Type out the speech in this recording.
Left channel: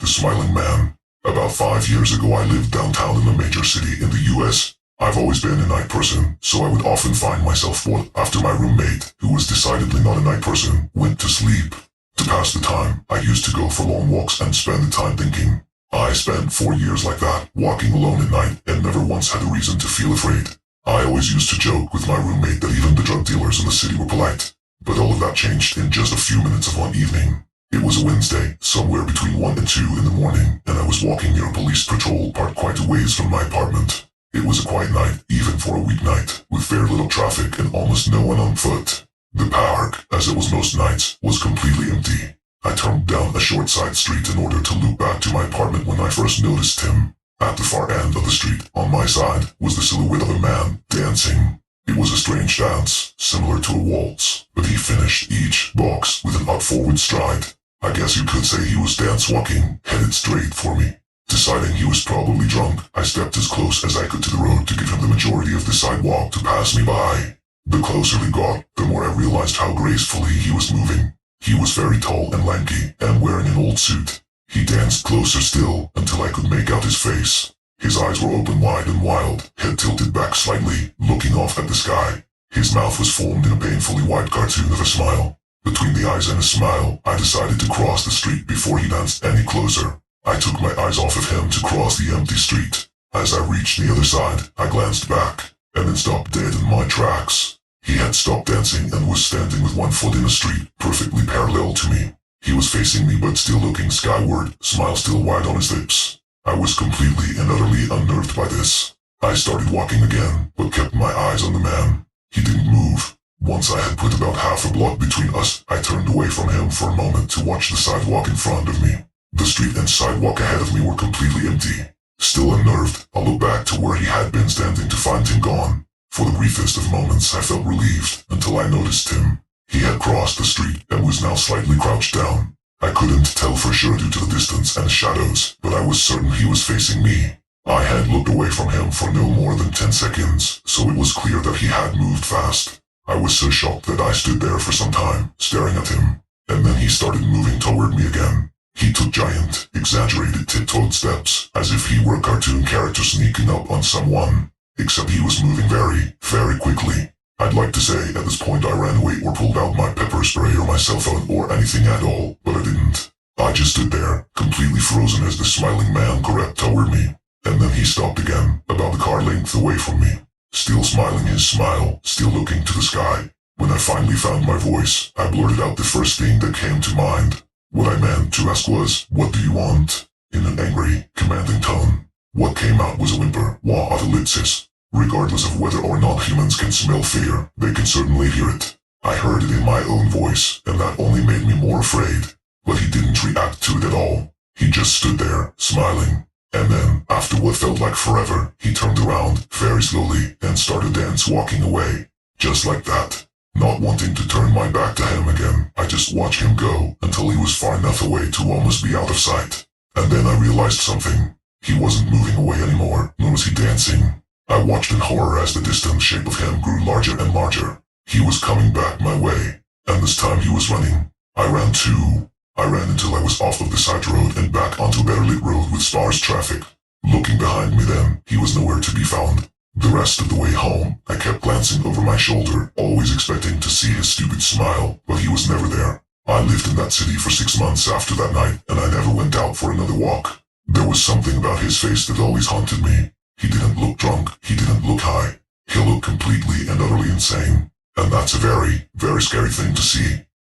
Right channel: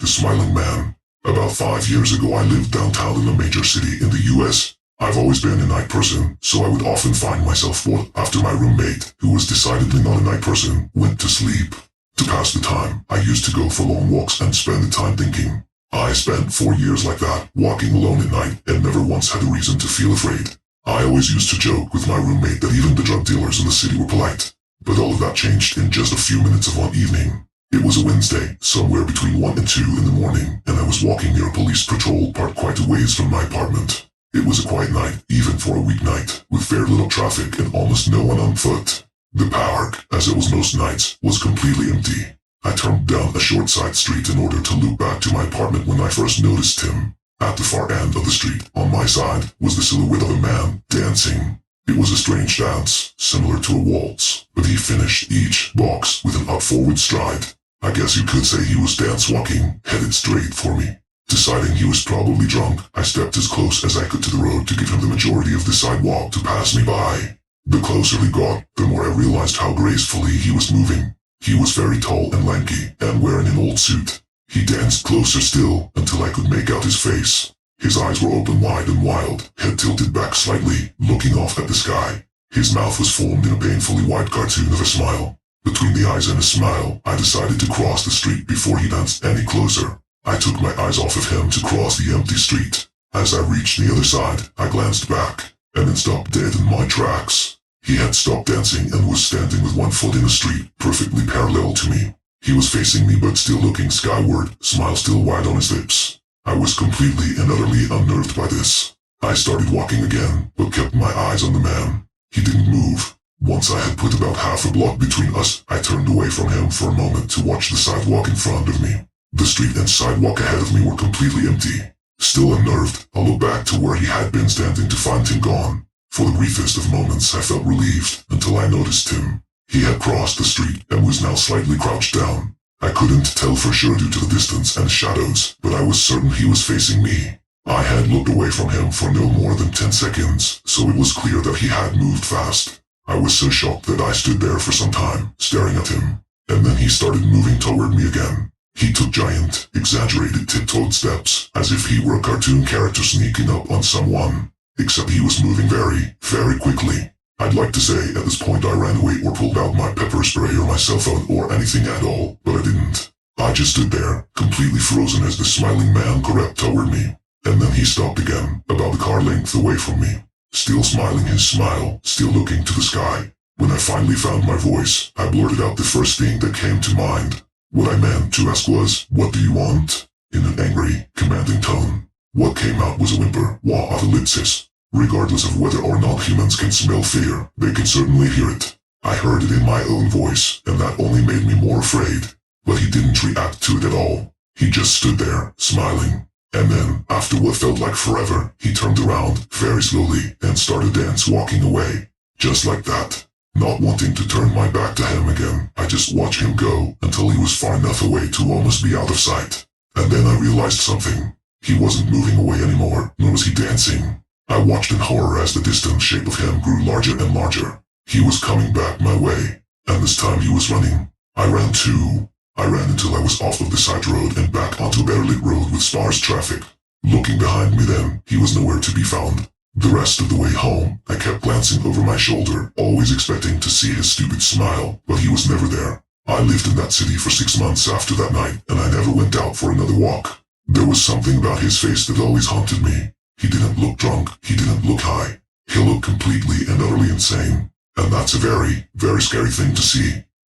The Smiling Man. About 5 years ago I lived downtown in a major city in the US. I've always been a night person, so I would often find myself bored after my roommate, who was decidedly not a night person, went to sleep. To pass the time, I used to go for long walks and spend the time thinking. I spent 4 years like that, walking alone at night, and never once had a reason to feel afraid. I always used to joke with my roommate that even the drug dealers in the city were polite. But all of that changed in just a few minutes of one evening. It was a Wednesday, somewhere between 1 and 2 in the morning, and I was walking near a police patrol parked quite a ways from my apartment. It was a quiet night, even for a weeknight, with very little traffic and almost no one on foot. The park, as it was most nights, was completely empty. I turned down a short side street in order to loop back to my apartment when I first noticed him. At the far end of the street, on my side, was the silhouette of a man, dancing. It was a strange dance, similar to a waltz, but he finished each box with an odd forward stride. I guess you could say he was dance-walking, headed straight for me. Deciding he was probably drunk, I stepped as close as I could to the road to give him the majority of the sidewalk to pass me by. The closer we got, the more I realized how gracefully he was moving. He was very tall and lanky, and wearing an old suit. He danced closer still, until I could make out his face. His eyes were open wide and wild, head tilted back slightly, looking off at the sky. His mouth was formed in a painfully wide cartoon of a smile. Between the eyes and a smile, I decided to cross the street before he danced any closer. I took my eyes off of him to cross the empty street. As I reached the other side, I glanced back, and then stopped dead in my tracks. He had stopped dancing and was standing with one foot in the street, perfectly parallel to me. He was facing me but still looking skyward, smile still wide on his lips. I was completely and utterly unnerved by this. I started walking again, but kept my eyes on the man. He didn't move. Once I had put about half a block between us, I turned away from him for a moment to watch the sidewalk in front of me. The street and sidewalk ahead of me were completely empty. Still unnerved, I looked back to where he had been standing to find him gone. For the briefest of moments I felt relieved, until I noticed him. He had crossed the street and was now slightly crouched down. I couldn't tell for sure due to the distance and the shadows, but I was certain he was facing me. I had looked away from him for no more than 10 seconds, so it was clear that he had moved fast. I was so shocked that I stood there for some time, staring at him. And then he started moving toward me again. He took giant, exaggerated tiptoed steps, as if he were a cartoon character sneaking up on someone. Except he was moving very, very quickly. I'd like to say at this point I ran away or pulled out my pepper spray or my cell phone or anything at all, but I didn't. I just stood there, completely frozen as the smiling man crept toward me. And then he stopped again, about a car length away from me. Still smiling his smile, still looking to the sky. When I finally found my voice, I blurted out the first thing that came to mind. What I meant to ask was, "What do you want?" in an angry, commanding tone. What came out was a whimper, wah of ellipsis. Regardless of whether or not humans can smell fear, they can certainly hear it. I heard it in my own voice, and that only made me more afraid. But he didn't react to it at all. He just stood there, smiling. And then, after what felt like forever, he turned around, very slowly, and started walking away. Just like that. Not wanting to turn my back to him again, I just watched him go, until he was far enough away to almost be out of sight. And then I realized something. He wasn't moving away anymore, nor was he dancing. I watched in horror as the distant shape of him grew larger and larger. He was coming back my way, and this time he was running. I ran too. I ran until I was off of the side road and back onto a better lit road with sparse traffic. Looking behind me then, he was nowhere to be found. The rest of the way home, I kept glancing over my shoulder, always expecting to see his stupid smile, but he was never there. I lived in that city for 6 months after that night, and I never went out for another walk. There was something about his face that always haunted me. He didn't look drunk, he didn't look high. He looked completely and utterly insane. And that's a very, very scary thing to see.